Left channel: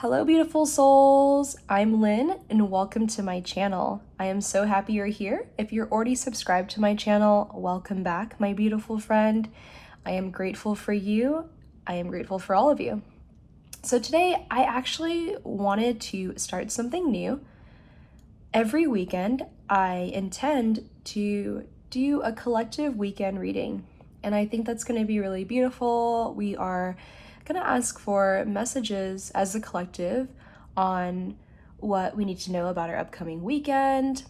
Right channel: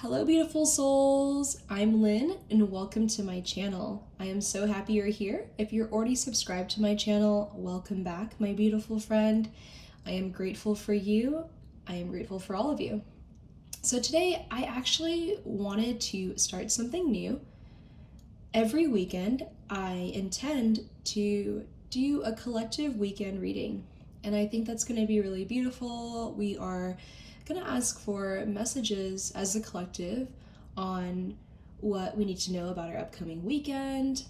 Hello, beautiful souls. I'm Lynn, and welcome to my channel. I am so happy you're here. If you're already subscribed to my channel, welcome back, my beautiful friend. I am grateful for you. I am grateful for all of you. So today, I actually wanted to start something new. Every weekend, I intend to do a collective weekend reading, and I think that's going to be really beautiful. We are going to ask for messages as a collective on what we need to know about our upcoming weekend,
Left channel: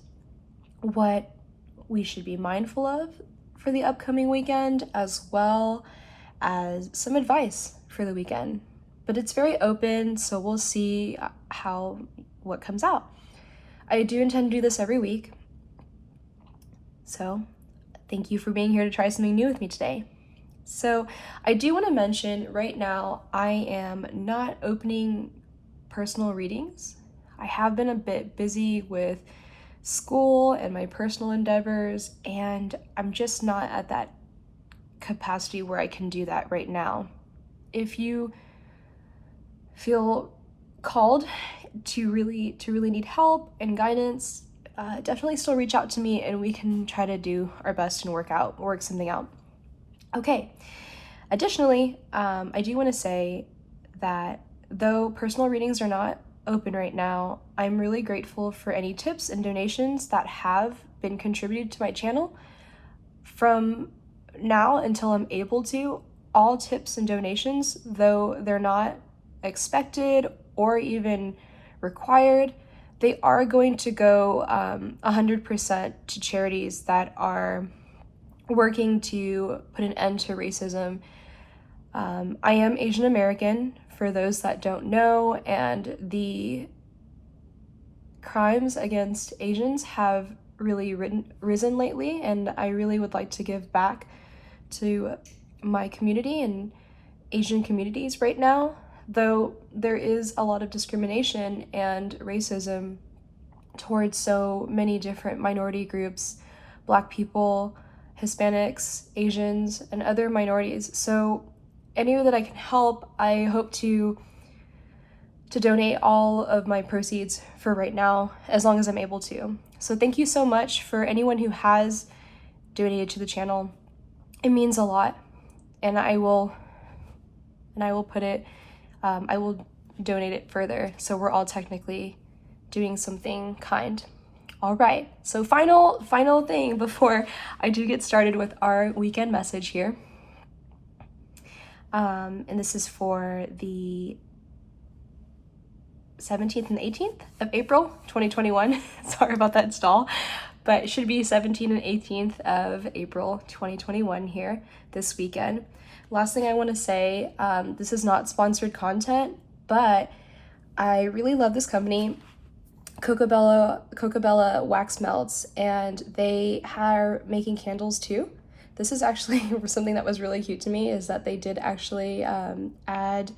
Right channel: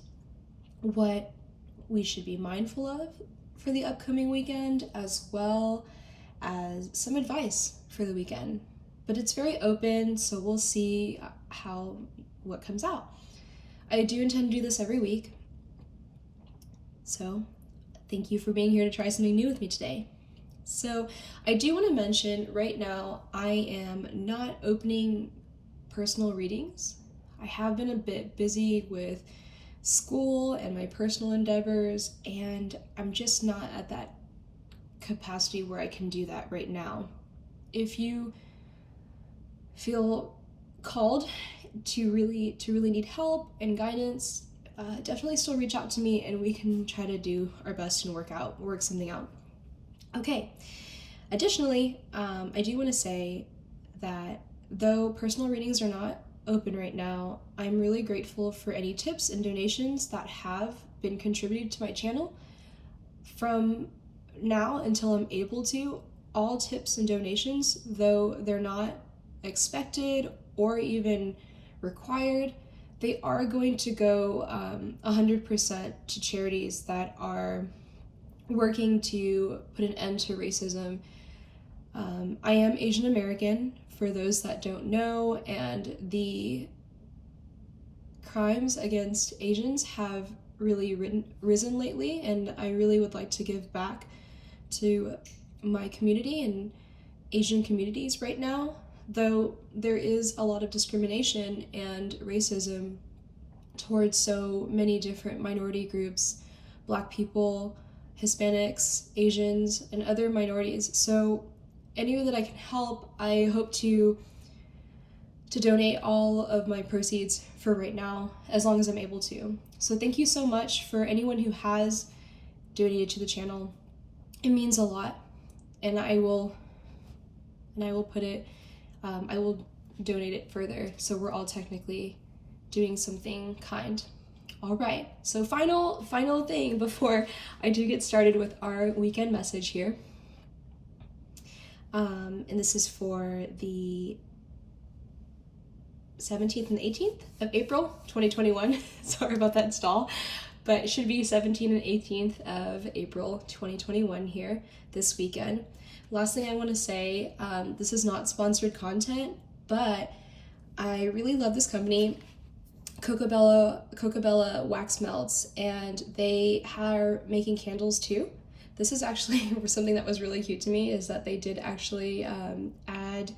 what we should be mindful of for the upcoming weekend, as well as some advice for the weekend. But it's very open, so we'll see what comes out. I do intend to do this every week, so thank you for being here to try something new with me today. So I do want to mention right now, I am not opening personal readings. I have been a bit busy with school and my personal endeavors, and I'm just not at that capacity where I can do that right now. If you feel called to really need help and guidance, definitely still reach out to me and we can try to do our best and work something out. Okay, additionally, I do want to say that though personal readings are not open right now, I'm really grateful for any tips and donations that have been contributed to my channel. From now until I'm able to, all tips and donations, though they're not expected or even required, they are going to go 100% to charities that are working to put an end to racism. I am Asian American, for those that don't know, and the crimes against Asians have really risen lately, and I really would like to give back to my community and Asian communities right now, though there is a lot of discrimination and racism towards so many different minority groups, Black people, Hispanics, Asians, and other minorities. So any way that I can help, I hope to donate all of my proceeds for right now, as long as I'm able to. So thank you so much for anyone who has donated to the channel. It means a lot, and I will put it, I will donate it further, so we're all technically doing something kind. All right, so final thing before I do get started with our weekend message here. And this is for the 17th and 18th of April, 2021. Sorry about that stall, but it should be 17th and 18th of April, 2021 here this weekend. Last thing I want to say, this is not sponsored content, but I really love this company, Coco wax melts, and they are making candles too. This is actually something that was really cute to me, is that they did actually add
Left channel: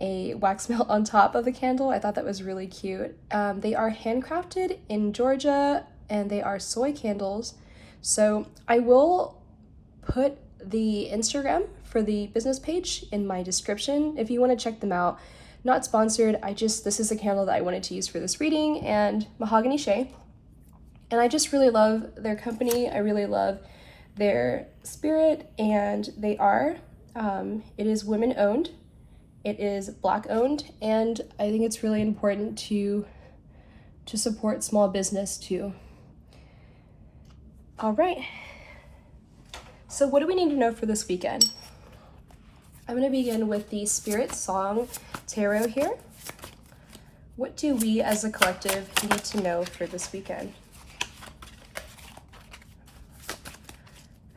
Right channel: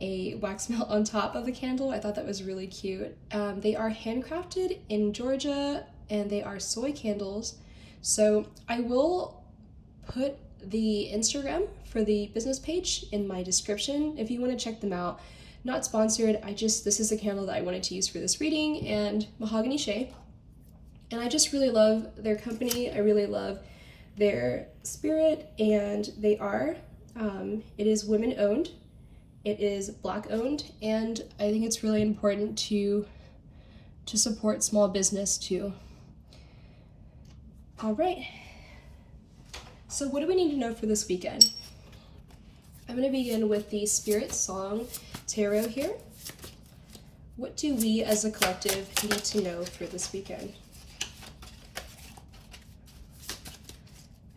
a wax melt on top of the candle. I thought that was really cute. They are handcrafted in Georgia, and they are soy candles. So I will put the Instagram for the business page in my description if you want to check them out. Not sponsored, this is a candle that I wanted to use for this reading, and Mahogany Shea. And I just really love their company. I really love their spirit, and they are, it is women owned, it is Black owned, and I think it's really important to support small business too. All right, so what do we need to know for this weekend? I'm going to begin with the Spirit Song Tarot here. What do we as a collective need to know for this weekend?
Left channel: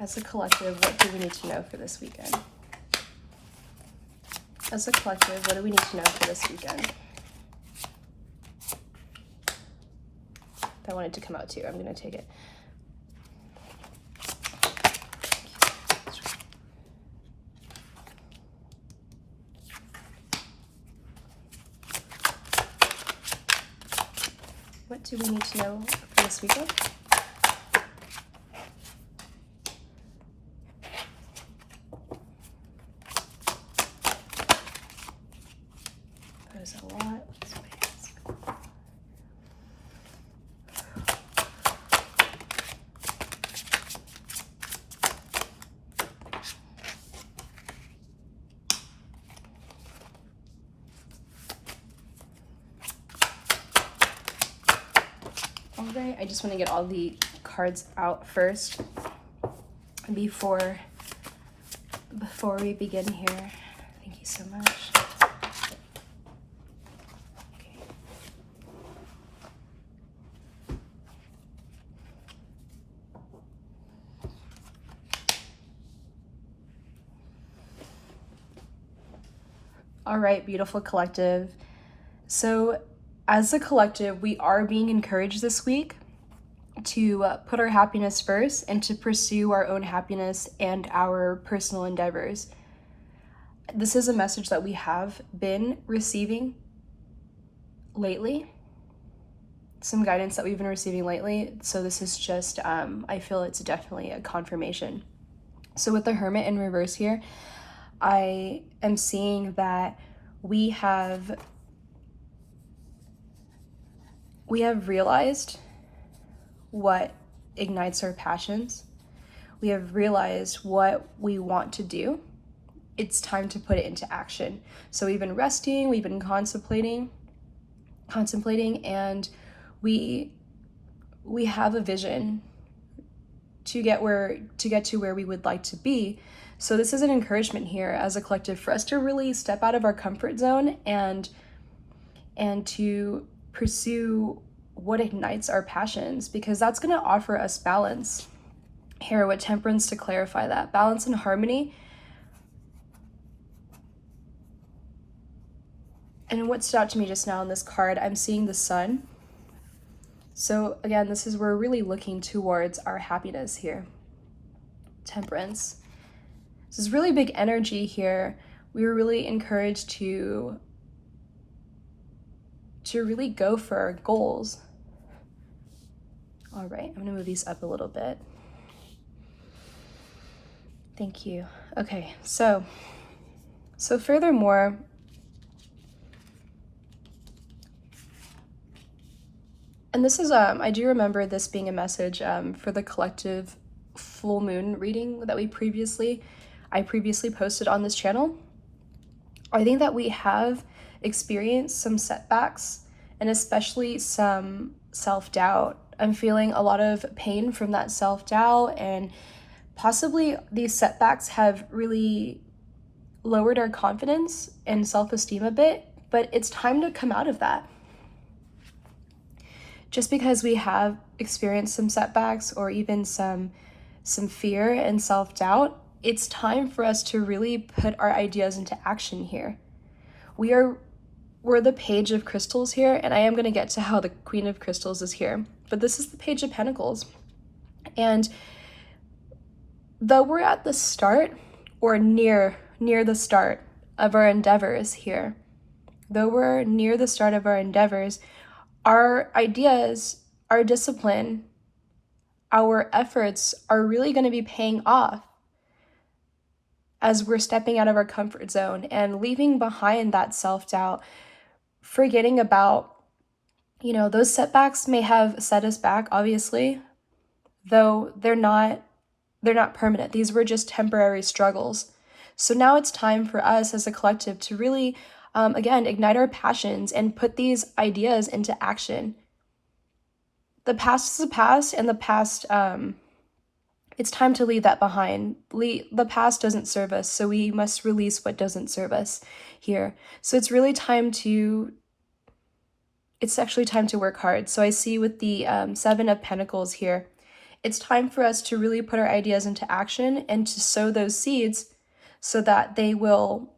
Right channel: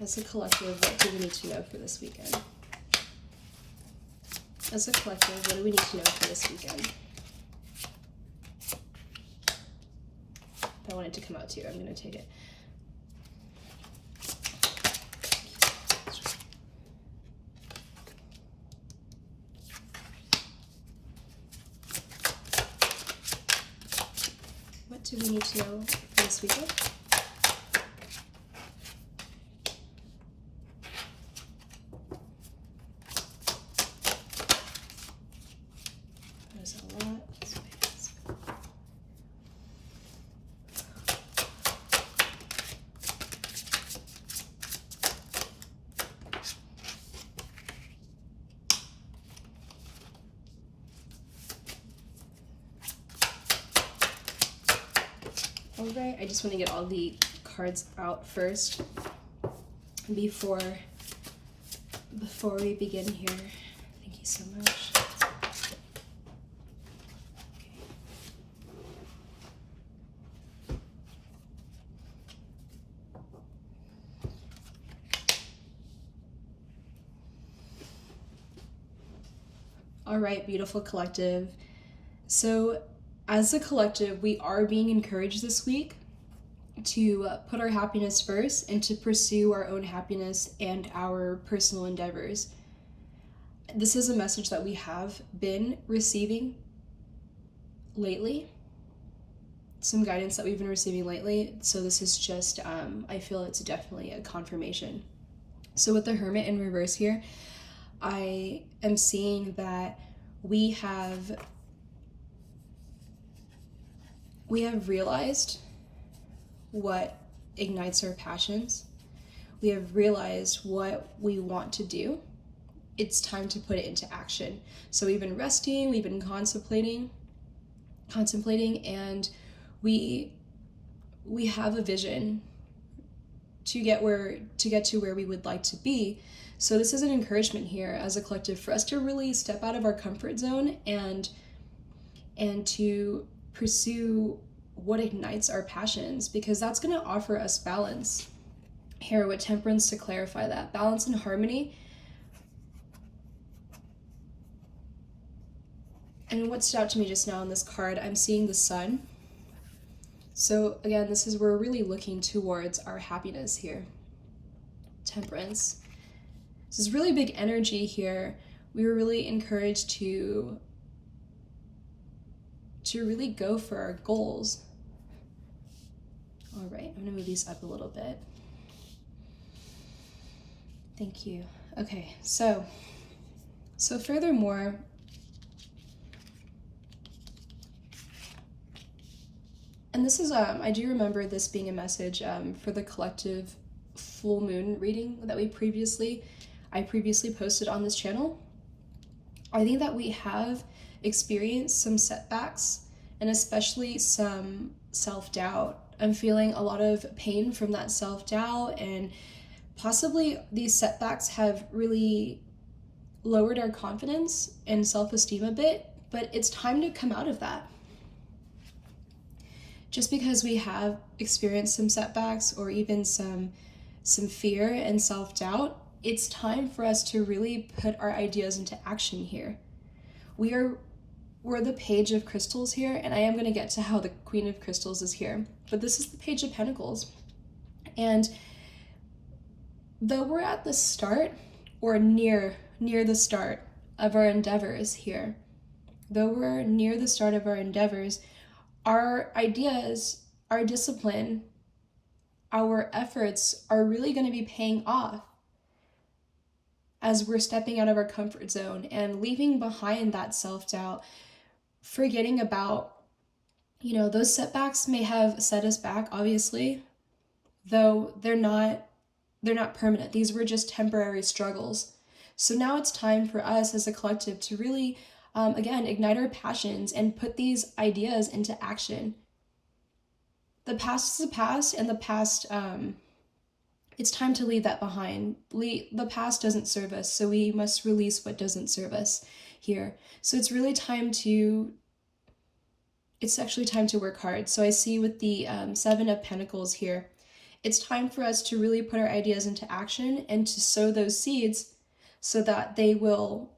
As a collective, what do we need to know for this weekend? As a collective, what do we need to know for this weekend? I wanted to come out too. I'm going to take it. What do we need to know for this weekend? There's a lot of space. All right, I just want to get all the cards out first before we begin here. Thank you so much. All right, beautiful collective. So as a collective, we are being encouraged this week to put our happiness first and to pursue our own happiness and our personal endeavors. This is a message that we have been receiving lately, some guidance that we've been receiving lately. So this is just, I feel it's definitely a confirmation. So with the Hermit in reverse here, I am seeing that we have realized what ignites our passions. We have realized what we want to do. It's time to put it into action. So we've been resting, we've been contemplating, and we have a vision to get to where we would like to be. So this is an encouragement here as a collective for us to really step out of our comfort zone and to pursue what ignites our passions, because that's going to offer us balance here with Temperance to clarify that. Balance and harmony. And what stood out to me just now in this card, I'm seeing the sun. So again, this is where we're really looking towards our happiness here. Temperance. This is really big energy here. We were really encouraged to really go for our goals. All right, I'm gonna move these up a little bit. Thank you. Okay, so furthermore, and this is, I do remember this being a message for the collective full moon reading that I previously posted on this channel. I think that we have experienced some setbacks and especially some self-doubt. I'm feeling a lot of pain from that self-doubt, and possibly these setbacks have really lowered our confidence and self-esteem a bit, but it's time to come out of that. Just because we have experienced some setbacks or even some fear and self-doubt, it's time for us to really put our ideas into action here. We're the Page of Crystals here, and I am going to get to how the Queen of Crystals is here, but this is the Page of Pentacles. And though we're at the start or near the start of our endeavors here, our ideas, our discipline, our efforts are really going to be paying off as we're stepping out of our comfort zone and leaving behind that self-doubt, forgetting about, those setbacks may have set us back, obviously, though they're not permanent. These were just temporary struggles. So now it's time for us as a collective to really, again, ignite our passions and put these ideas into action. The past is the past, and the past, it's time to leave that behind. The past doesn't serve us, so we must release what doesn't serve us here. So it's really actually time to work hard. So I see with the Seven of Pentacles here, it's time for us to really put our ideas into action and to sow those seeds so that they will,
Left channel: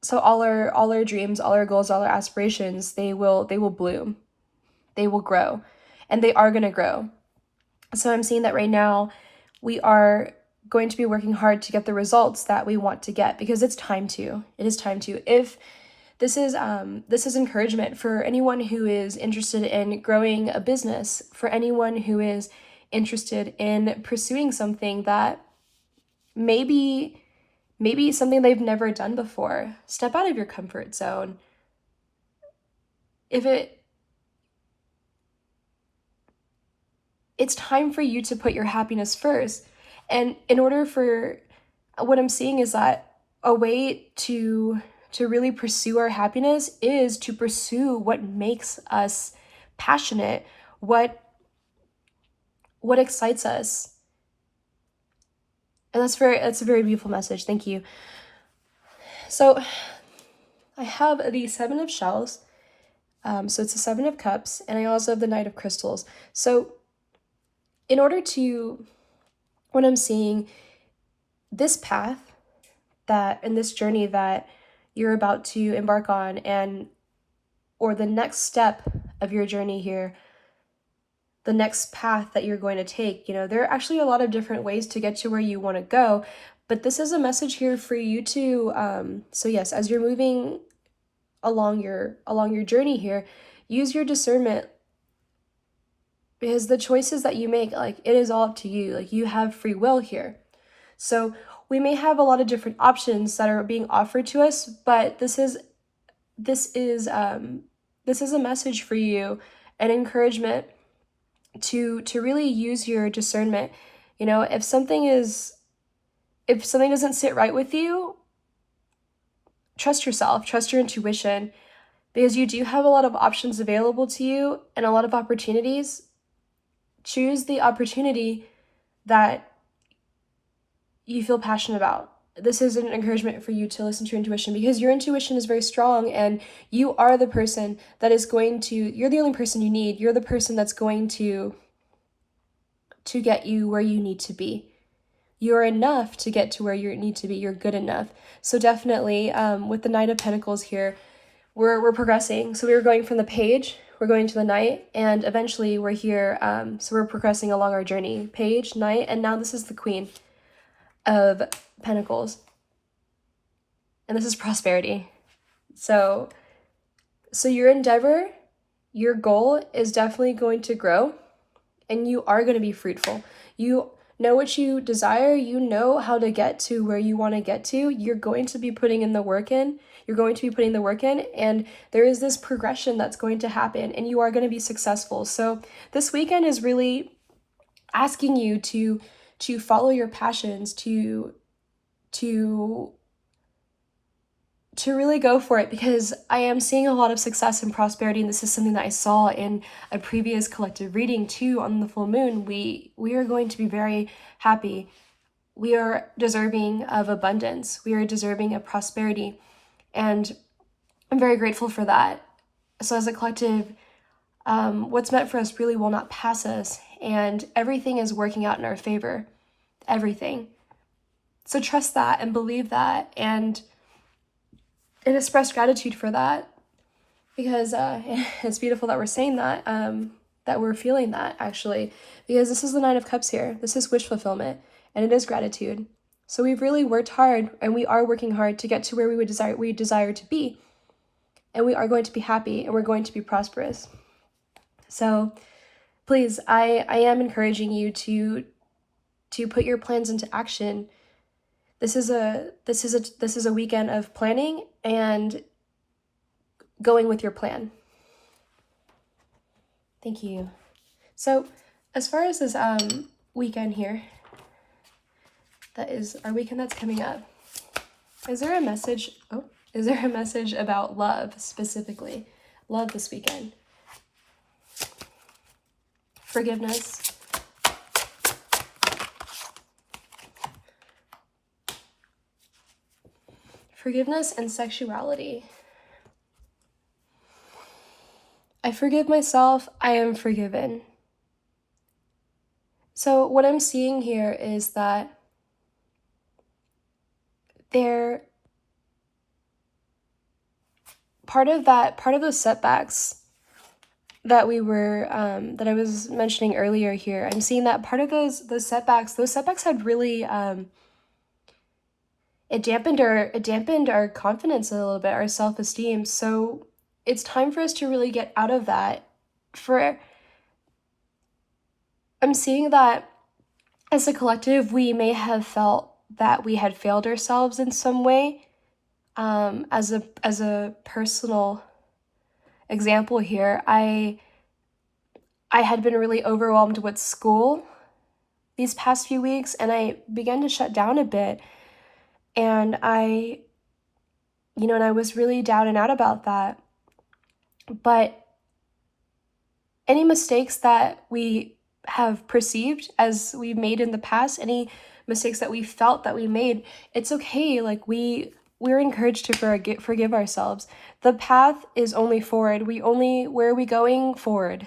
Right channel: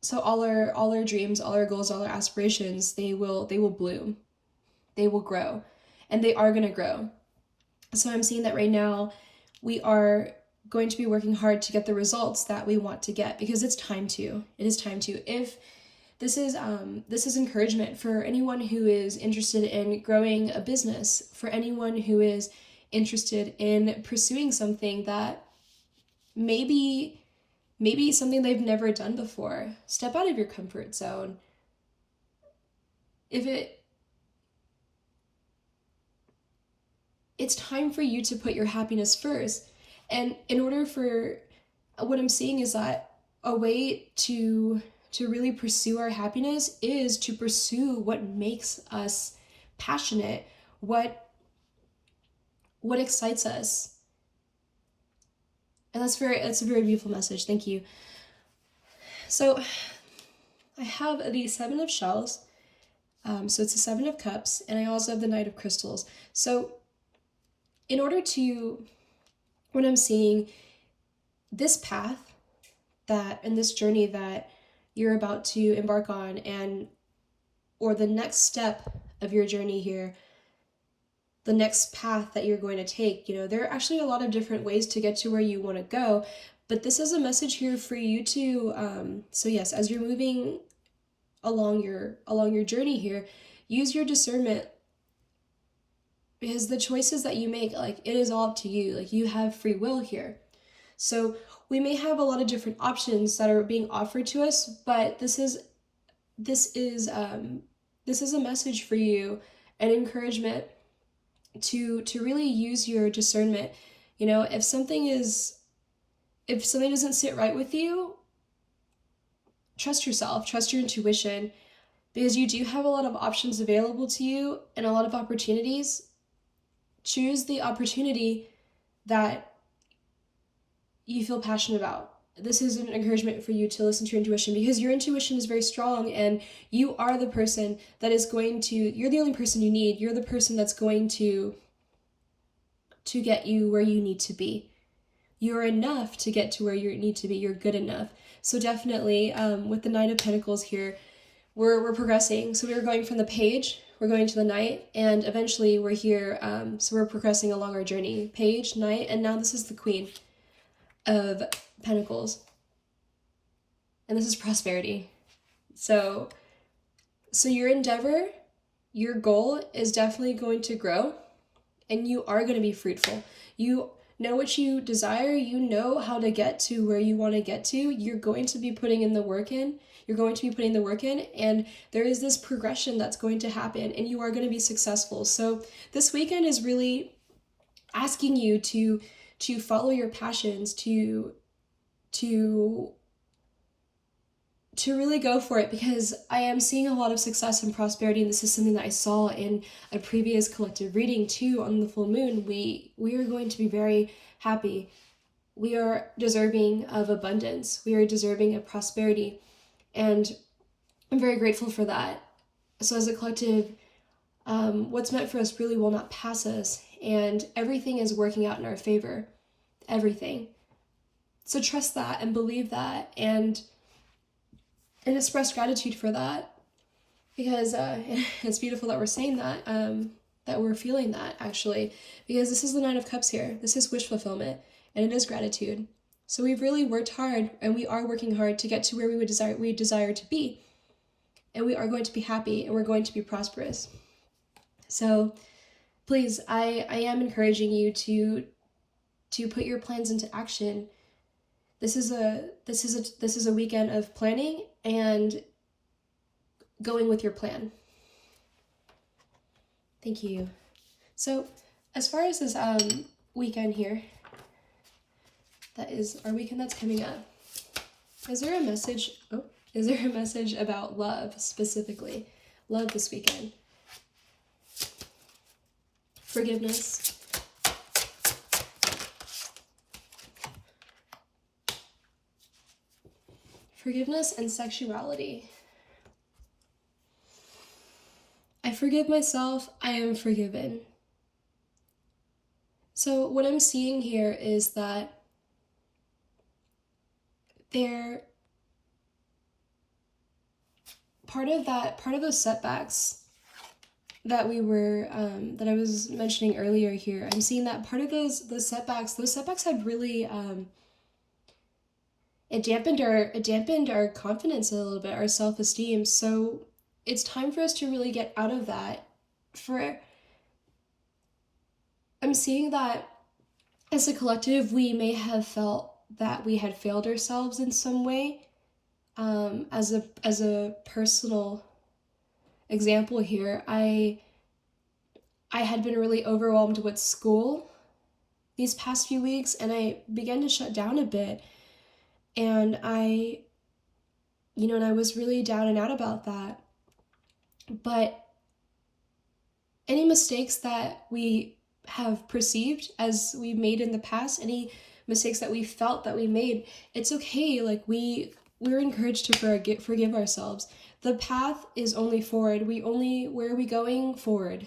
so all our dreams, all our goals, all our aspirations, they will bloom, they will grow, and they are going to grow. So I'm seeing that right now we are going to be working hard to get the results that we want to get, because it's time to. It is time to. If this is encouragement for anyone who is interested in growing a business, for anyone who is interested in pursuing something that maybe maybe something they've never done before. Step out of your comfort zone. It's time for you to put your happiness first. And in order for, what I'm seeing is that a way to really pursue our happiness is to pursue what makes us passionate, what excites us. And that's a very beautiful message. Thank you. So I have the Seven of Shells. So it's the Seven of Cups, and I also have the Knight of Crystals. So in order to, what I'm seeing, this path and this journey that you're about to embark on, or the next step of your journey here, the next path that you're going to take, there are actually a lot of different ways to get to where you want to go, but this is a message here for you to, so yes, as you're moving along your journey here, use your discernment, because the choices that you make, like, it is all up to you. Like, you have free will here. So we may have a lot of different options that are being offered to us, but this is a message for you, an encouragement to really use your discernment. If something doesn't sit right with you, trust yourself, trust your intuition, because you do have a lot of options available to you and a lot of opportunities. Choose the opportunity that you feel passionate about. This is an encouragement for you to listen to your intuition, because your intuition is very strong, and you are the person that is going to, you're the only person you need. You're the person that's going to get you where you need to be. You're enough to get to where you need to be. You're good enough. So definitely, with the Nine of Pentacles here, we're progressing. So we were going from the Page, we're going to the Knight, and eventually we're here. So we're progressing along our journey. Page, Knight, and now this is the Queen of Pentacles. And this is prosperity. So your endeavor, your goal is definitely going to grow, and you are going to be fruitful. You know what you desire. You know how to get to where you want to get to. You're going to be putting in the work in. You're going to be putting the work in, and there is this progression that's going to happen, and you are going to be successful. So this weekend is really asking you to follow your passions, to really go for it, because I am seeing a lot of success and prosperity, and this is something that I saw in a previous collective reading too on the full moon. We are going to be very happy. We are deserving of abundance. We are deserving of prosperity, and I'm very grateful for that. So as a collective, what's meant for us really will not pass us, and everything is working out in our favor. Everything. So trust that and believe that, and express gratitude for that, because it's beautiful that we're saying that, that we're feeling that, actually, because this is the Nine of Cups here. This is wish fulfillment, and it is gratitude. So we've really worked hard, and we are working hard to get to where we desire to be, and we are going to be happy, and we're going to be prosperous. So please, I am encouraging you to put your plans into action. This is a weekend of planning and going with your plan. Thank you. So as far as this weekend here, that is our weekend that's coming up, is there a message about love specifically? Love this weekend. Forgiveness. Forgiveness and sexuality. I forgive myself. I am forgiven. So what I'm seeing here is that part of those setbacks that that I was mentioning earlier here, I'm seeing that part of those setbacks had really it dampened our confidence a little bit, our self-esteem. So it's time for us to really get out of that. I'm seeing that as a collective, we may have felt that we had failed ourselves in some way. As a personal example here, I had been really overwhelmed with school these past few weeks, and I began to shut down a bit, and I was really down and out about that. But any mistakes that we have perceived as we've made in the past, any mistakes that we felt that we made, it's okay. Like we're encouraged to forgive ourselves. The path is only forward. Where are we going? Forward.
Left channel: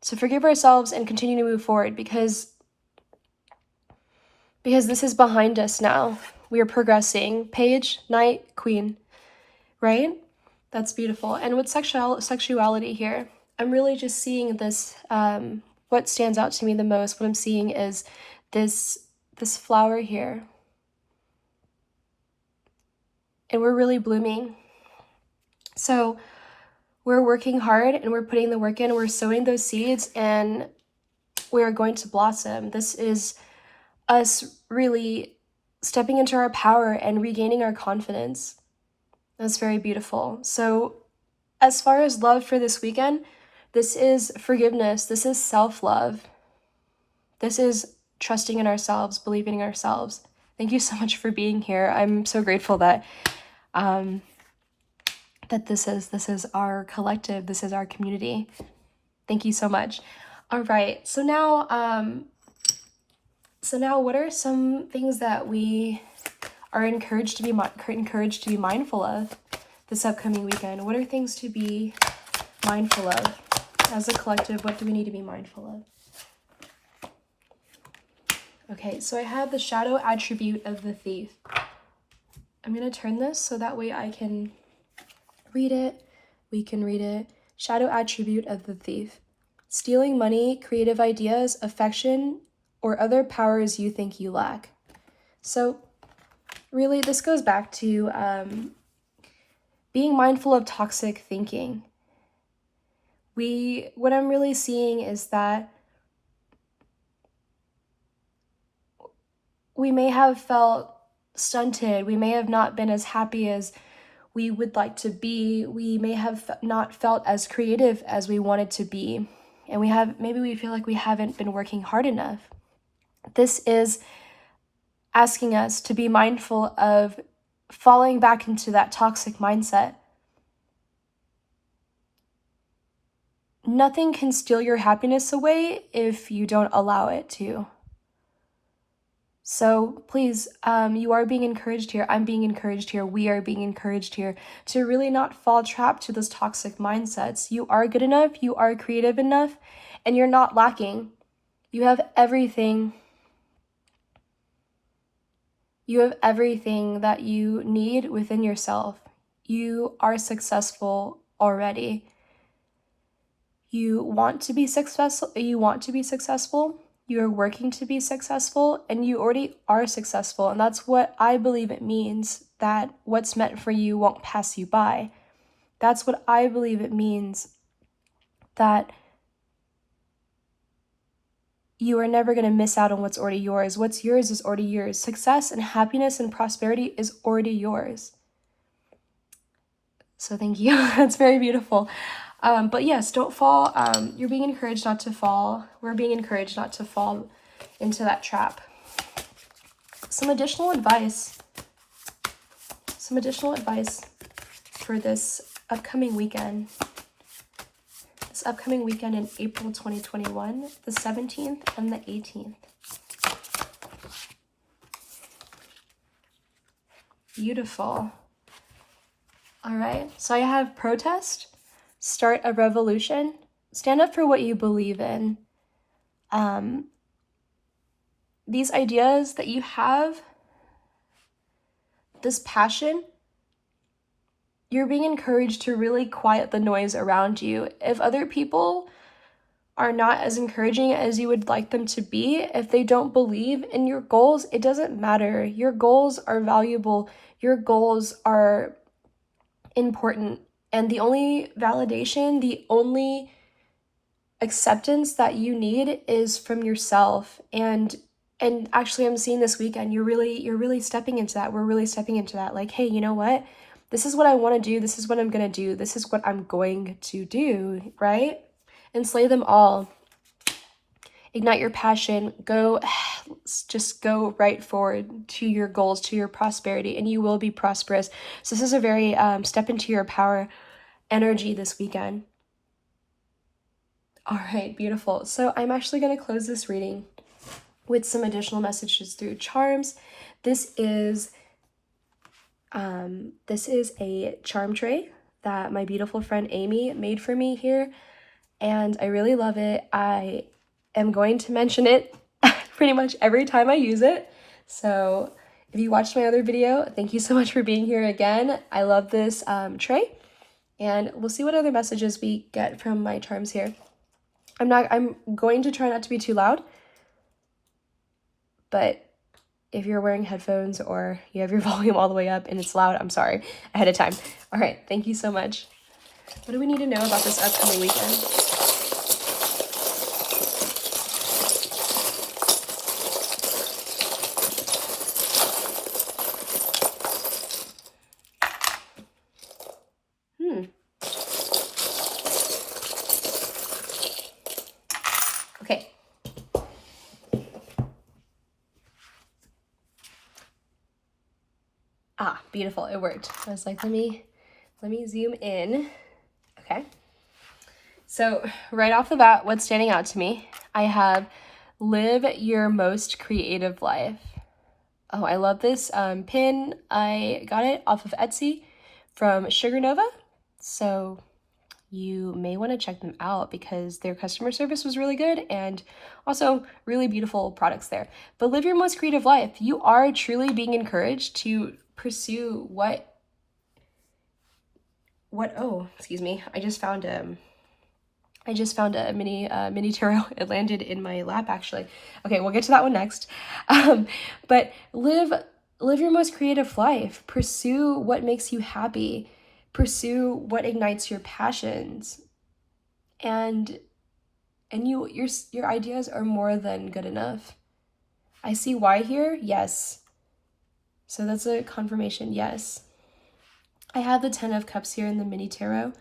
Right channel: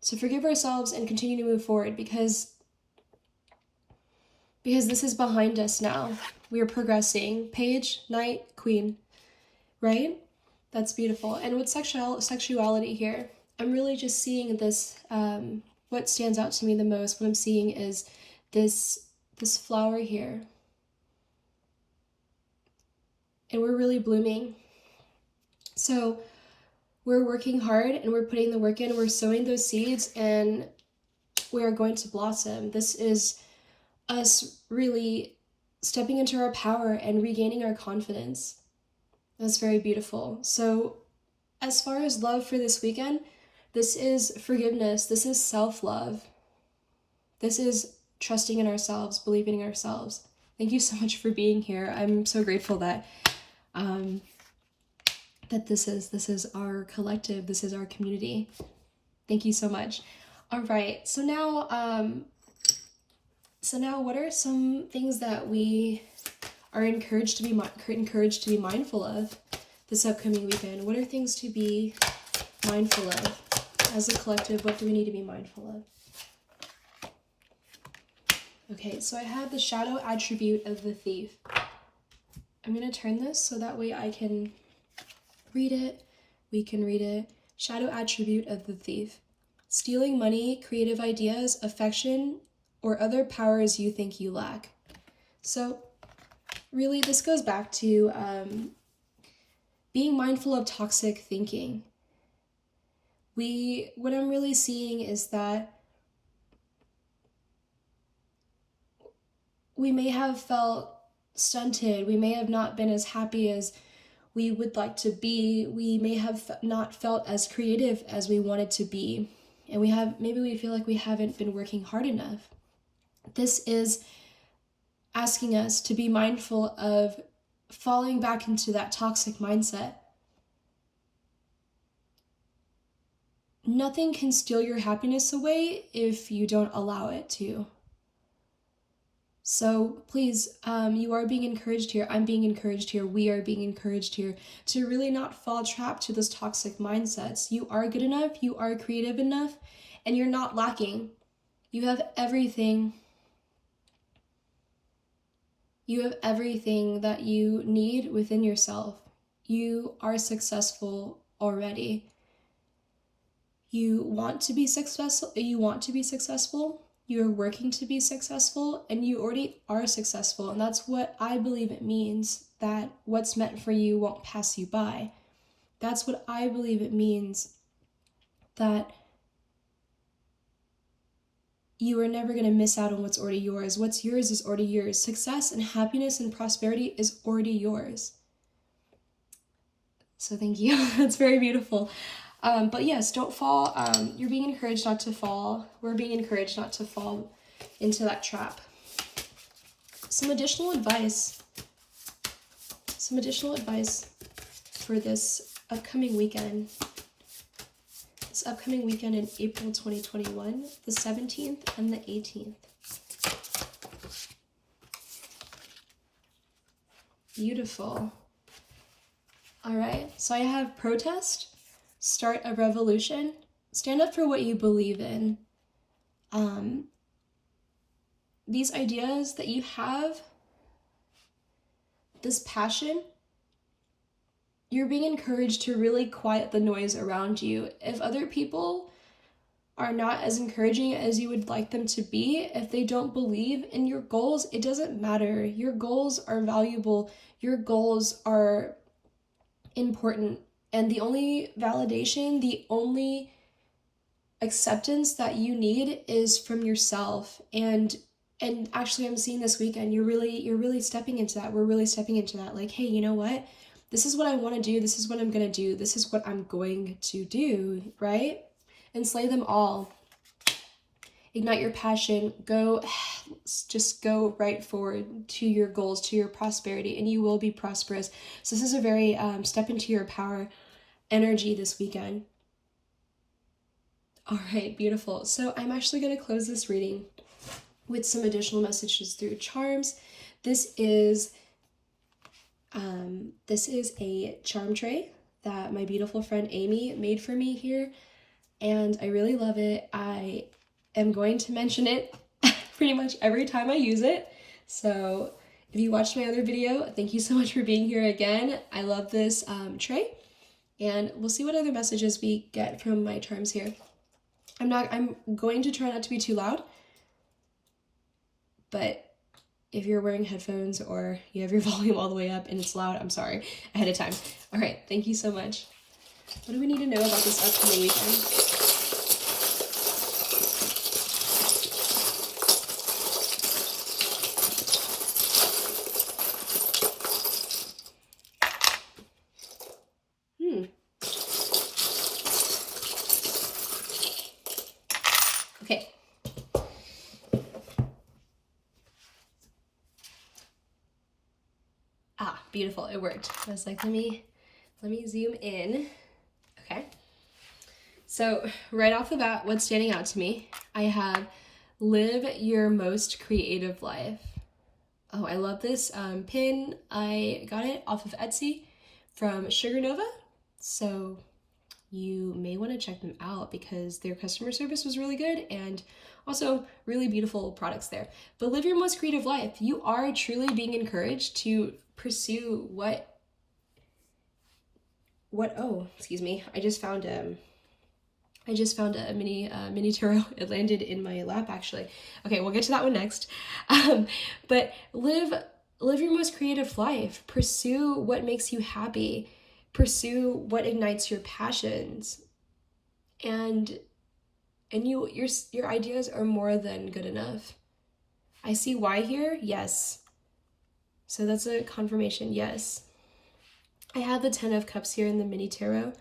So forgive ourselves and continue to move forward because this is behind us now. We are progressing. Page, Knight, Queen, right? That's beautiful. And with sexuality here, I'm really just seeing this, what stands out to me the most, what I'm seeing is this flower here. And we're really blooming. So we're working hard and we're putting the work in, we're sowing those seeds, and we're going to blossom. This is us really stepping into our power and regaining our confidence. That's very beautiful. So as far as love for this weekend, this is forgiveness. This is self-love. This is trusting in ourselves, believing in ourselves. Thank you so much for being here. I'm so grateful that this is our collective. This is our community. Thank you so much. All right. So now what are some things that we are encouraged to be mindful of this upcoming weekend? What are things to be mindful of? As a collective, what do we need to be mindful of? Okay, so I have the shadow attribute of the thief. I'm going to turn this so that way I can read it. We can read it. Shadow attribute of the thief. Stealing money, creative ideas, affection, or other powers you think you lack. So really, this goes back to being mindful of toxic thinking. What I'm really seeing is that we may have felt stunted. We may have not been as happy as we would like to be. We may have not felt as creative as we wanted to be. And maybe we feel like we haven't been working hard enough. This is asking us to be mindful of falling back into that toxic mindset. Nothing can steal your happiness away if you don't allow it to. So please, you are being encouraged here. I'm being encouraged here. We are being encouraged here to really not fall trapped to those toxic mindsets. You are good enough. You are creative enough, and you're not lacking. You have everything. You have everything that you need within yourself. You are successful already. You want to be successful. You are working to be successful, and you already are successful. And that's what I believe it means, that what's meant for you won't pass you by. That's what I believe it means, that you are never going to miss out on what's already yours. What's yours is already yours. Success and happiness and prosperity is already yours. So thank you. That's very beautiful. But yes, don't fall. You're being encouraged not to fall. We're being encouraged not to fall into that trap. Some additional advice for this upcoming weekend. This upcoming weekend in April 2021, the 17th and the 18th. Beautiful. All right, so I have protest. Start a revolution. Stand up for what you believe in. These ideas that you have, this passion, you're being encouraged to really quiet the noise around you. If other people are not as encouraging as you would like them to be, if they don't believe in your goals, it doesn't matter. Your goals are valuable. Your goals are important. And the only validation, the only acceptance that you need is from yourself. And And actually, I'm seeing this weekend, you're really stepping into that. We're really stepping into that. Like, hey, you know what? This is what I want to do. This is what I'm going to do. This is what I'm going to do, right? And slay them all. Ignite your passion. Just go right forward to your goals, to your prosperity, and you will be prosperous. So this is a very step into your power energy this weekend. All right, beautiful. So I'm actually going to close this reading with some additional messages through charms. This is a charm tray that my beautiful friend Amy made for me here, and I really love it. I am going to mention it pretty much every time I use it. So if you watched my other video, thank you so much for being here again. I love this tray, and we'll see what other messages we get from my charms here. I'm going to try not to be too loud, but if you're wearing headphones or you have your volume all the way up and it's loud, I'm sorry ahead of time. All right, thank you so much. What do we need to know about this upcoming weekend? Okay. Ah, beautiful, it worked. I was like, let me zoom in. Okay. So right off the bat, what's standing out to me, I have live your most creative life. Oh, I love this pin. I got it off of Etsy from Sugar Nova. So you may want to check them out because their customer service was really good and also really beautiful products there. But live your most creative life. You are truly being encouraged to pursue oh, excuse me. I just found a mini tarot. It landed in my lap actually. Okay, we'll get to that one next. But live your most creative life. Pursue what makes you happy. Pursue what ignites your passions. And your ideas are more than good enough. I see why here. Yes. So that's a confirmation. Yes. I have the 10 of Cups here in the mini tarot,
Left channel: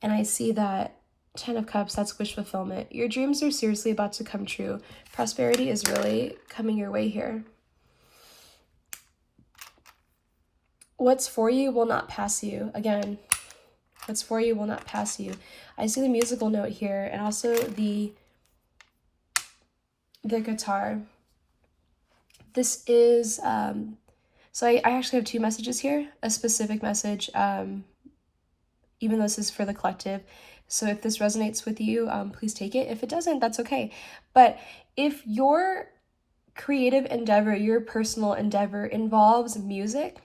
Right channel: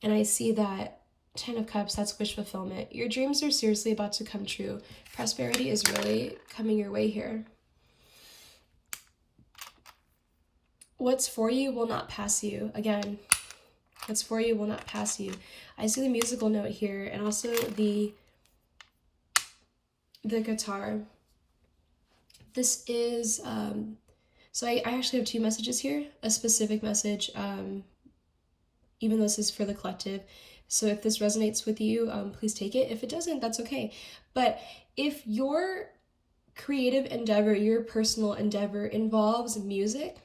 and I see that 10 of Cups, that's wish fulfillment. Your dreams are seriously about to come true. Prosperity is really coming your way here. What's for you will not pass you. Again, what's for you will not pass you. I see the musical note here and also the guitar. This is, so I actually have two messages here. A specific message, even though this is for the collective. So if this resonates with you, please take it. If it doesn't, that's okay. But if your creative endeavor, your personal endeavor involves music,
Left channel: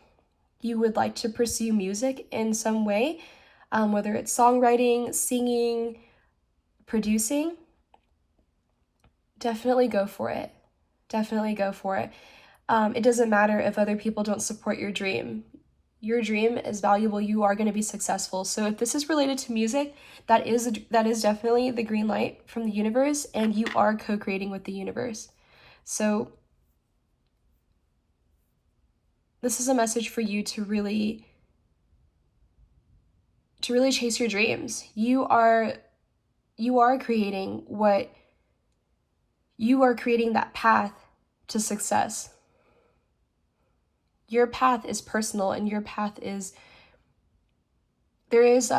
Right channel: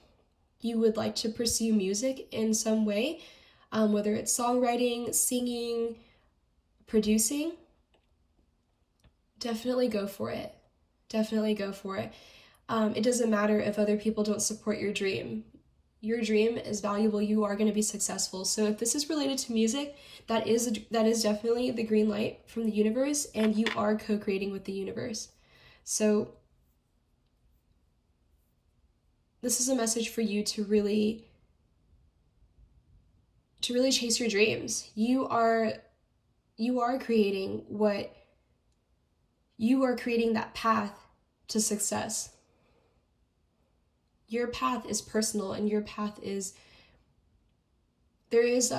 you would like to pursue music in some way, whether it's songwriting, singing, producing, definitely go for it. Definitely go for it. It doesn't matter if other people don't support your dream. Your dream is valuable. You are going to be successful. So if this is related to music, that is definitely the green light from the universe, and you are co-creating with the universe. So this is a message for you to really chase your dreams. You are creating that path to success. Your path is personal, and your path is, there is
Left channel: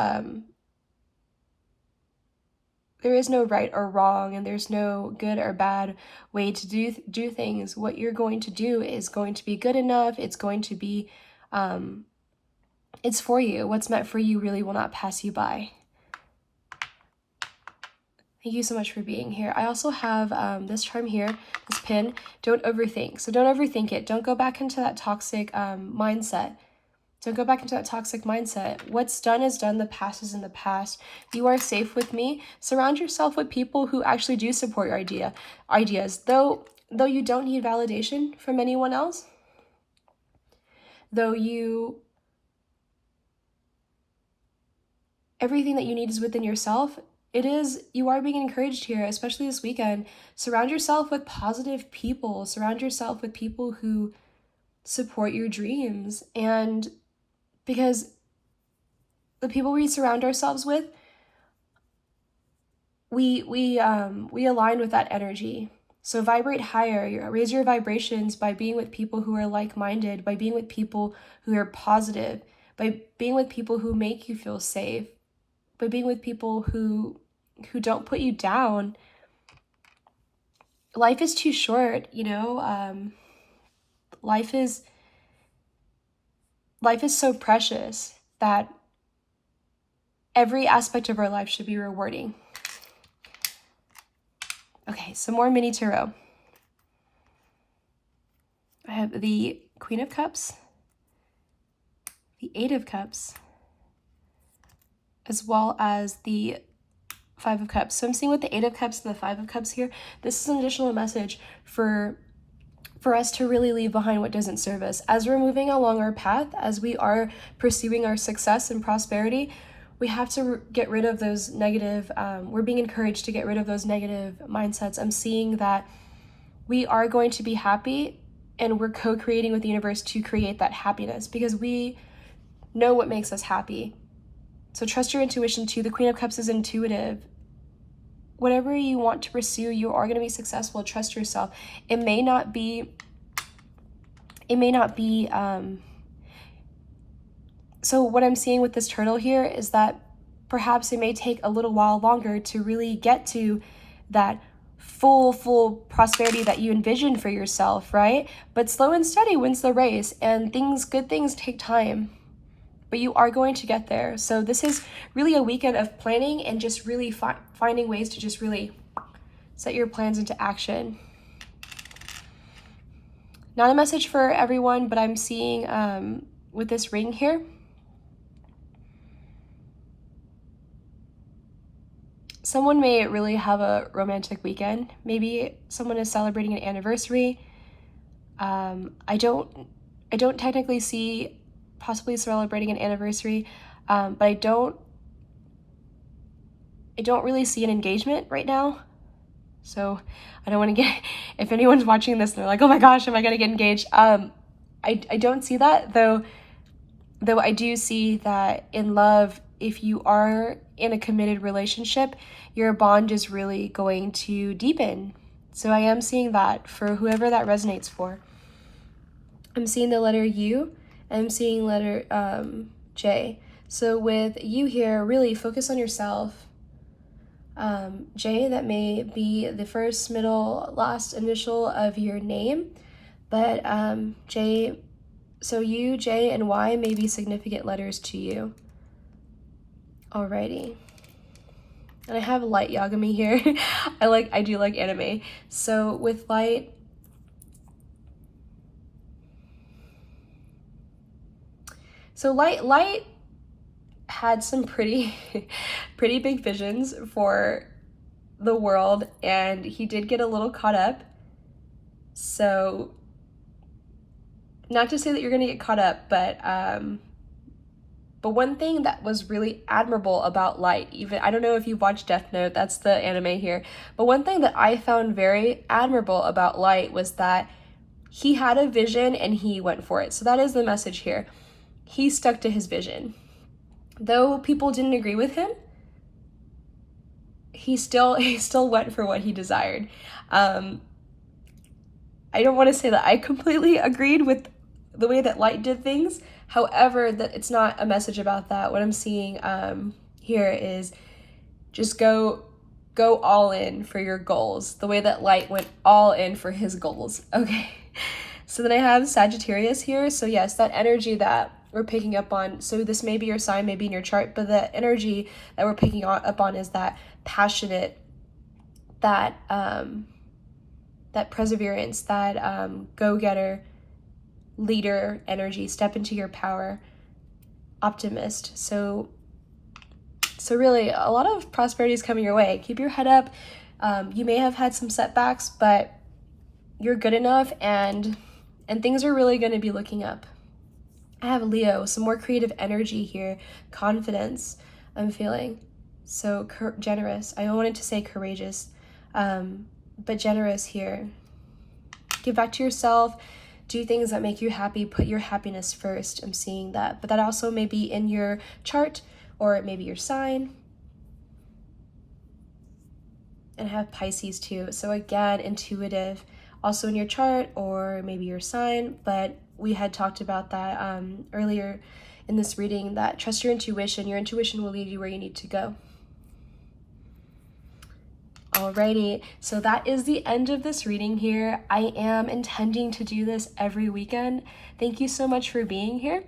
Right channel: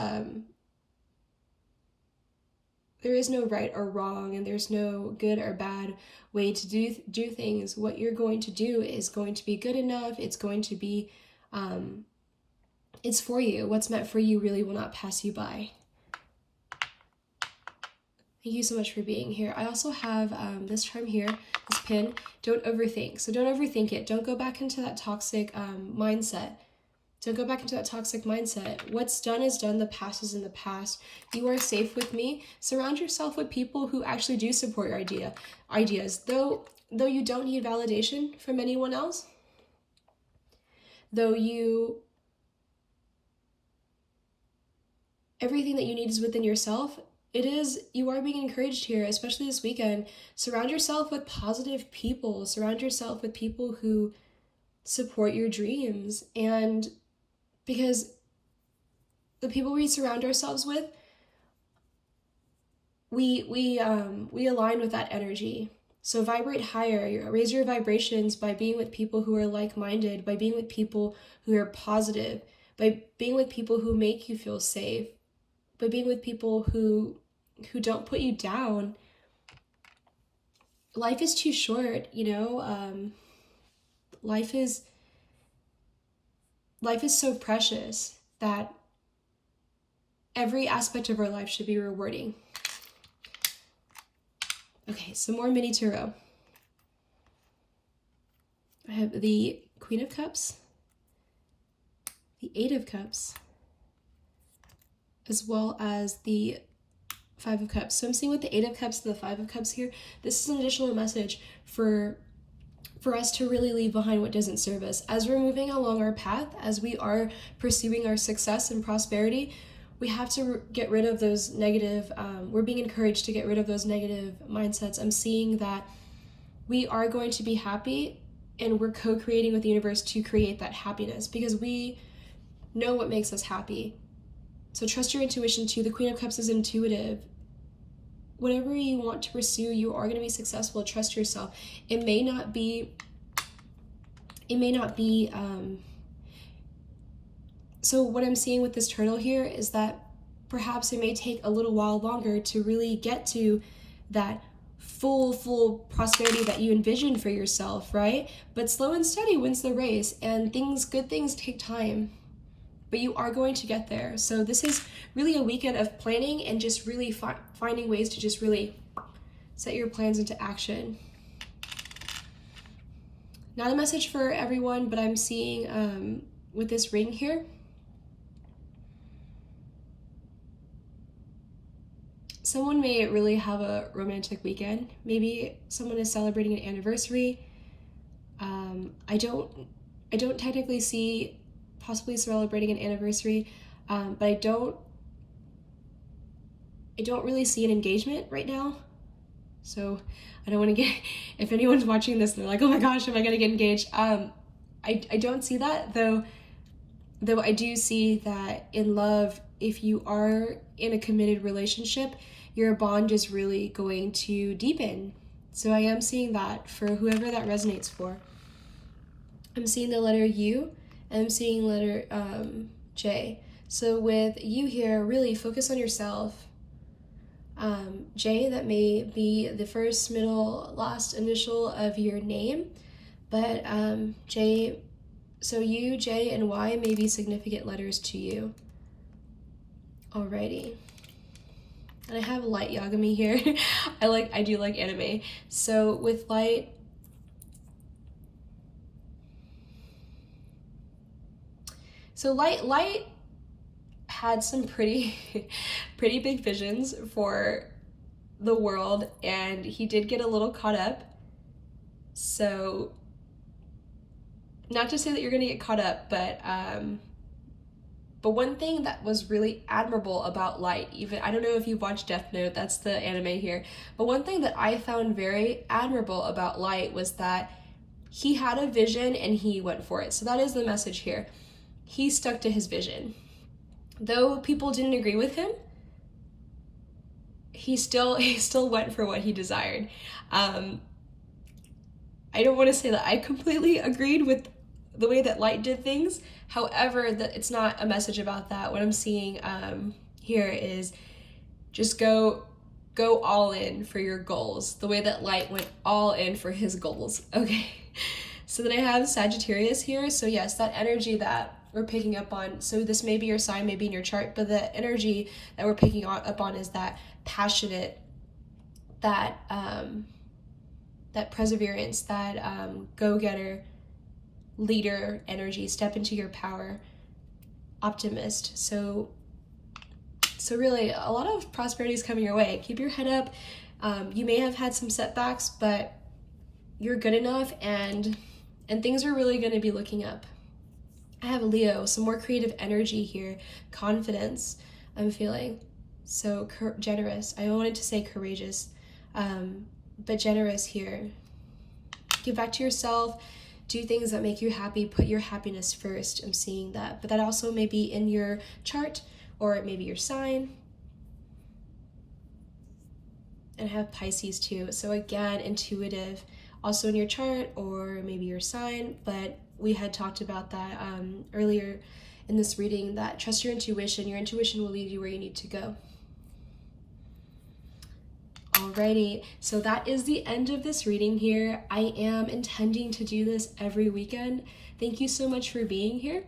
no right or wrong, and there's no good or bad way to do things. What you're going to do is going to be good enough. It's going to be, it's for you. What's meant for you really will not pass you by. Thank you so much for being here. I also have this charm here, this pin, don't overthink. So don't overthink it. Don't go back into that toxic mindset. Don't go back into that toxic mindset. What's done is done. The past is in the past. You are safe with me. Surround yourself with people who actually do support your ideas. Though you don't need validation from anyone else, everything that you need is within yourself. you are being encouraged here, especially this weekend. Surround yourself with positive people. Surround yourself with people who support your dreams. And because the people we surround ourselves with, we align with that energy. So vibrate higher, raise your vibrations by being with people who are like-minded, by being with people who are positive, by being with people who make you feel safe, by being with people who don't put you down. Life is too short, you know. Life is so precious that every aspect of our life should be rewarding. Okay, some more mini tarot. I have the Queen of Cups, the Eight of Cups, as well as the Five of Cups. So I'm seeing with the Eight of Cups and the Five of Cups here, this is an additional message for us to really leave behind what doesn't serve us. As we're moving along our path, as we are pursuing our success and prosperity, we have to get rid of those negative, we're being encouraged to get rid of those negative mindsets. I'm seeing that we are going to be happy, and we're co-creating with the universe to create that happiness because we know what makes us happy. So trust your intuition too. The Queen of Cups is intuitive. Whatever you want to pursue, you are going to be successful. Trust yourself. It may not be, so what I'm seeing with this turtle here is that perhaps it may take a little while longer to really get to that full prosperity that you envisioned for yourself, right? But slow and steady wins the race, and good things take time. But you are going to get there. So this is really a weekend of planning and just really finding ways to just really set your plans into action. Not a message for everyone, but I'm seeing with this ring here, someone may really have a romantic weekend. Maybe someone is celebrating an anniversary. I don't technically see possibly celebrating an anniversary, but I don't really see an engagement right now. So I don't want to get, if anyone's watching this and they're like, oh my gosh, am I going to get engaged? I don't see that, though I do see that in love, if you are in a committed relationship, your bond is really going to deepen. So I am seeing that for whoever that resonates for. I'm seeing the letter U, and I'm seeing letter J. So with you here, really focus on yourself. J, that may be the first, middle, last initial of your name, but J, so U, J, and Y may be significant letters to you. Alrighty. And I have light Yagami here. I do like anime. So with light, so light had some pretty big visions for the world, and he did get a little caught up. So not to say that you're gonna get caught up, but one thing that was really admirable about Light, even, I don't know if you've watched Death Note, that's the anime here, but one thing that I found very admirable about Light was that he had a vision and he went for it. So that is the message here. He stuck to his vision. Though people didn't agree with him, he still went for what he desired. I don't want to say that I completely agreed with the way that Light did things. However, that it's not a message about that. What I'm seeing here is just go all in for your goals, the way that Light went all in for his goals. Okay, so then I have Sagittarius here. So yes, that energy that we're picking up on, so this may be your sign, maybe in your chart, but the energy that we're picking up on is that passionate, that perseverance, that go-getter, leader energy, step into your power, optimist. So really a lot of prosperity is coming your way. Keep your head up. You may have had some setbacks, but you're good enough, and things are really going to be looking up. I have Leo, some more creative energy here, confidence I'm feeling. So generous. I wanted to say courageous, but generous here. Give back to yourself. Do things that make you happy. Put your happiness first. I'm seeing that. But that also may be in your chart or maybe your sign. And I have Pisces too. So again, intuitive. Also in your chart or maybe your sign. But we had talked about that earlier in this reading, that trust your intuition. Your intuition will lead you where you need to go. Alrighty, so that is the end of this reading here. I am intending to do this every weekend. Thank you so much for being here.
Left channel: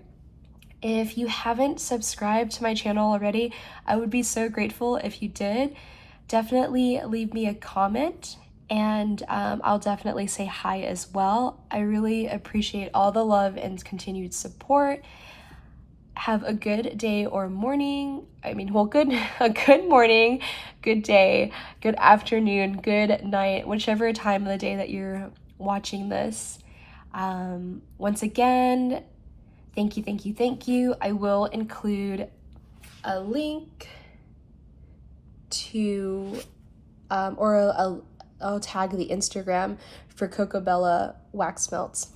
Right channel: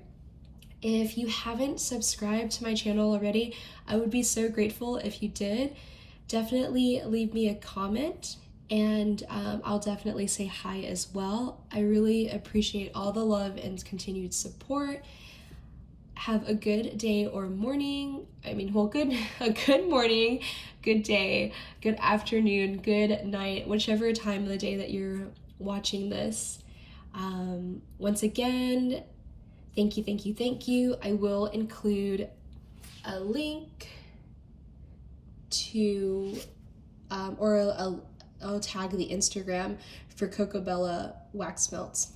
If you haven't subscribed to my channel already, I would be so grateful if you did. Definitely leave me a comment, and I'll definitely say hi as well. I really appreciate all the love and continued support. Have a good day or morning. A good morning, good day, good afternoon, good night, whichever time of the day that you're watching this. Once again, thank you. I will include a link to, I'll tag the Instagram for Coco Bella wax melts.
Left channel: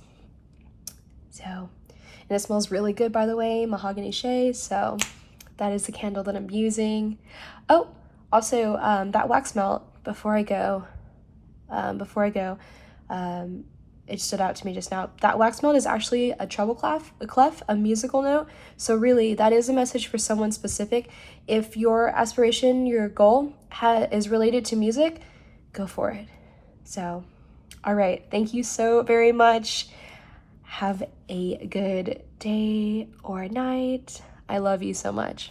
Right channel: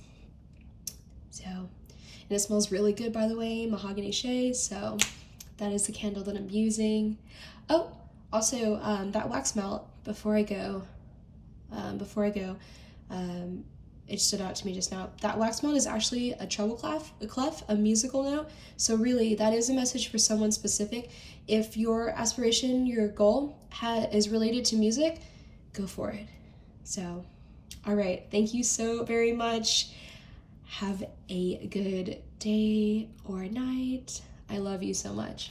So, and it smells really good, by the way, Mahogany Shea. So that is the candle that I'm using. Oh, also that wax melt, before I go, it stood out to me just now. That wax melt is actually a treble clef, a musical note. So really, that is a message for someone specific. If your aspiration, your goal is related to music, go for it. So, all right. Thank you so very much. Have a good day or night. I love you so much.